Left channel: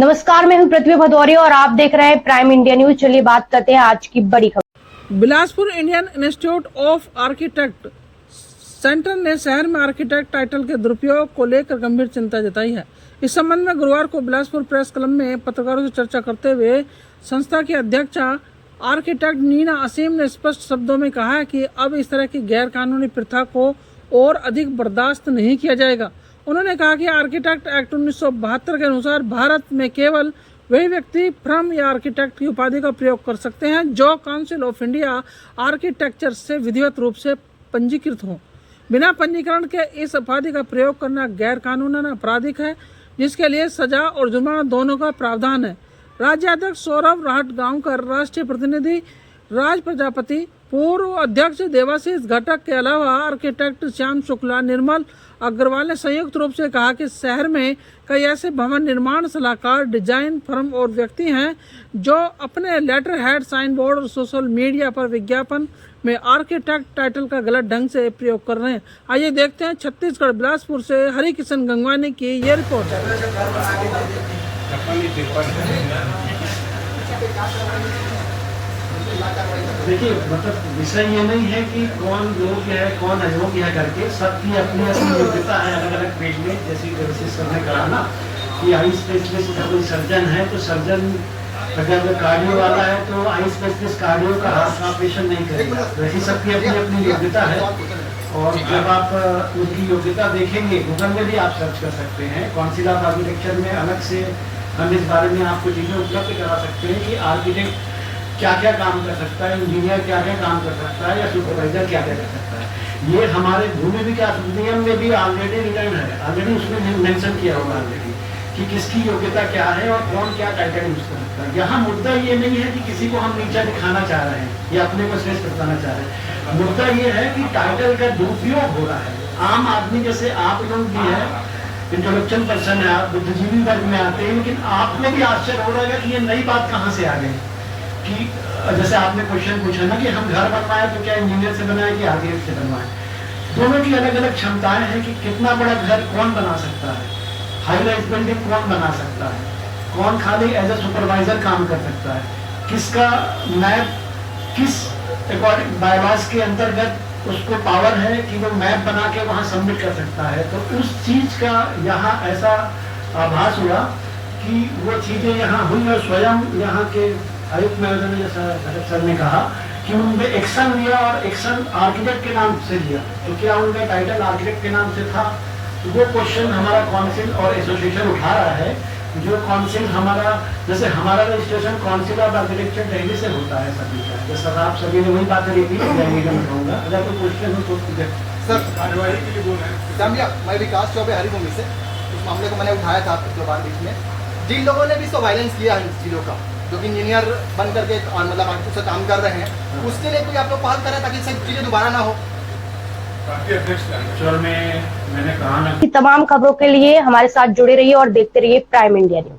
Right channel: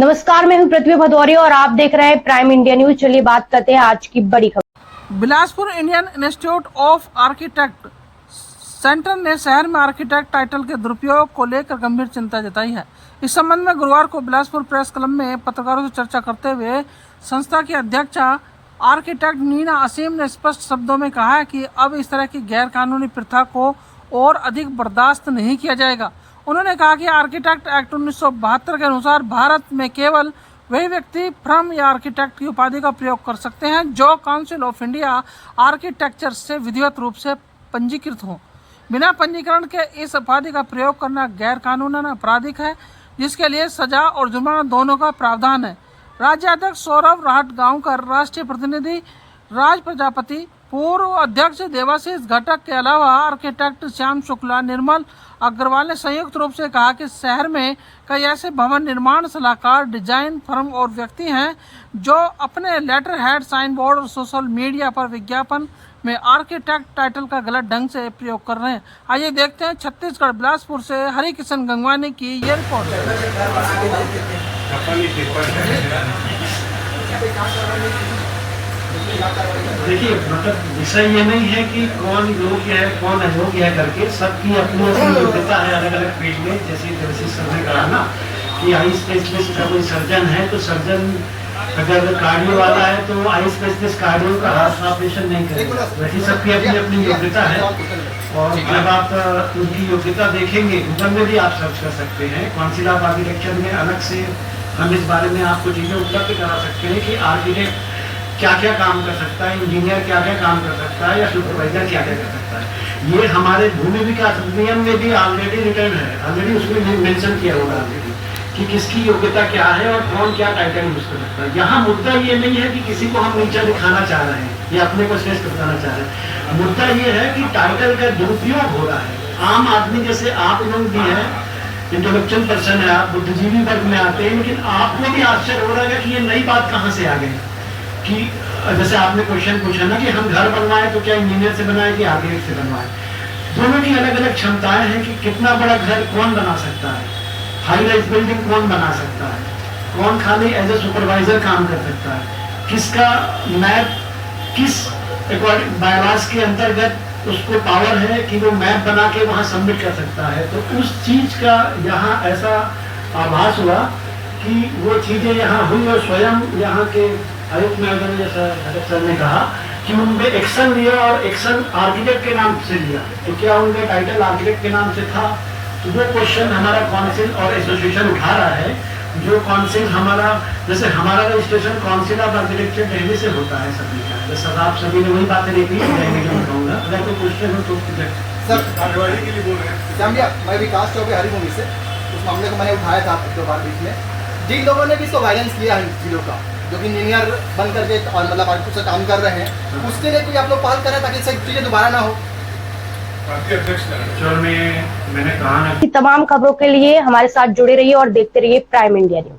नमस्कार, मैं हूं पृथ्वी भदौरिया और आप देख रहे हैं प्राइम इंडिया न्यूज। चलिए बात करते हैं आज की बड़ी खबर। Bilaspur Indian institute of architect centre ने शहर में आर्किटेक्ट टाइटल के दुरुपयोग को लेकर गंभीर चिंता जताई है। इस संबंध में गुरुवार को बिलासपुर प्रेस क्लब में पत्रकारों से चर्चा करते हुए संस्था की अध्यक्षा आर्किटेक्ट नीना असीम ने स्पष्ट शब्दों में कहा है कि अब इस तरह की गैर कानूनी प्रथा को और अधिक बर्दाश्त नहीं किया जाएगा। उन्होंने कहा कि आर्किटेक्ट एक्ट 1972 के अनुसार भारत में केवल वही व्यक्ति फर्म या आर्किटेक्ट की उपाधि का प्रयोग कर सकते हैं जो काउंसिल ऑफ इंडिया आर्किटेक्चर से विधिवत रूप से पंजीकृत हो। बिना पंजीकरण के इस उपाधि का प्रयोग करना गैर कानूनन आपराधिक है, जिसके लिए सजा और जुर्माना दोनों का प्रावधान है। राज्याध्यक्ष सौरभ राहटगांवकर, राष्ट्रीय प्रतिनिधि राज प्रजापति, पूर्व अध्यक्ष देवाशीष घटक के अलावा आर्किटेक्ट श्याम शुक्ला, निर्मल अग्रवाल ने संयुक्त रूप से कहा कि शहर में कई ऐसे भवन निर्माण सलाहकार, डिजाइन फर्म और व्यक्ति हैं जो अपने लेटर हेड, साइन बोर्ड और सोशल मीडिया पर विज्ञापन में आर्किटेक्ट टाइटल का गलत ढंग से प्रयोग कर रहे हैं। आइए देखते हैं छत्तीसगढ़ बिलासपुर से हरि किशन गंगवानी की ये रिपोर्ट। देखिए, मतलब विषय ये नहीं है कि कौन योग्य है कौन अयोग्य है करके, सबकी अपनी अपनी योग्यता है अलग अलग फील्ड में। जैसे सर ने कहा ना कि आई स्पेशलिस्ट कोई सर्जन है तो सर्जन अगर कार्डियो वाला है तो आई स्पेशलिस्ट कार्डियो का हार्ट ऑपरेशन नहीं करेगा। वैसे सबकी अपनी अपनी योग्यता है और जब आप उनकी योग्यता देखेंगे, गूगल में भी आप सर्च कर सकते हैं। काउंसिल ऑफ आर्किटेक्चर में अलग से हम इस बारे में आपको चीजें उपलब्ध करा सकते हैं कि आर्किटेक्ट क्या क्या काम कर सकता है, इंजीनियर क्या क्या काम कर सकता है या सुपरवाइजर क्या क्या कर सकता है। ये हमारे भूमि विकास अधिनियम में भी ऑलरेडी रिटर्न है, ऑलरेडी उसमें मेंशन किया होगा ऑलरेडी कि किसकी योग्यता क्या है और कौन क्या टाइटल यूज कर सकता है। यहाँ मुद्दा ये नहीं है कि किसी को हम नीचा दिखाना चाह रहे हैं या अपने को श्रेष्ठ बताना चाह रहे हैं। मुद्दा ये है कि टाइटल का दुरुपयोग हो रहा है। आम आदमी जैसे आप लोग भी है, इंटेलेक्चुअल पर्सन है, आप बुद्धिजीवी वर्ग में आते हैं, लेकिन आपको भी आश्चर्य हो रहा है कि ये नई बात कहाँ से आ गई। कि जैसे आपने क्वेश्चन पूछा ना कि हम घर बनवाए तो क्या इंजीनियर से बनाए कि आर्किटेक्ट से बनवाए। दोनों की अलग अलग क्षमताएं हैं कि कितना बड़ा घर कौन बना सकता है, हाई राइज बिल्डिंग कौन बना सकता है, कौन खाली एज ए सुपरवाइजर काम कर सकता है, किसका मैप किस अकॉर्डिंग बायलॉज के अंतर्गत उसको पावर है कि वो मैप बना के वहाँ सबमिट कर सकता है। तो उस चीज का यहाँ ऐसा आभास हुआ कि वो चीजें यहाँ हुई और स्वयं यहाँ के आयुक्त महोदय जैसा घटक सर ने कहा कि उनने एक्शन लिया और एक्शन आर्किटेक्ट के नाम से लिया। तो क्या उनका टाइटल आर्किटेक्ट के नाम से था? तो वो क्वेश्चन हमारा काउंसिल और एसोसिएशन उठा रहा है। जो काउंसिल हमारा, जैसे हमारा registration council of architecture Delhi से होता है सभी का। जैसा आप सभी ने वही बातें देखी, मैं कहूँगा अगर कोई क्वेश्चन हो तो सर आर्किटेक्ट के लिए बोल रहे हैं। मैं विकास चौबे हरिभूमि से उस मामले को मैंने उठाया था आपके बार बीच में। जिन लोगों ने भी इसको वायलेंस किया है इन चीज़ों का, जो कि इंजीनियर बन करके और मतलब आर्किटेक्ट से काम कर रहे हैं, उसके लिए आप लोग पहल करें ताकि सब चीजें दोबारा ना हो। मैंने कहा ना, तमाम खबरों के लिए हमारे साथ जुड़े रहिए और देखते रहिए प्राइम इंडिया न्यूज।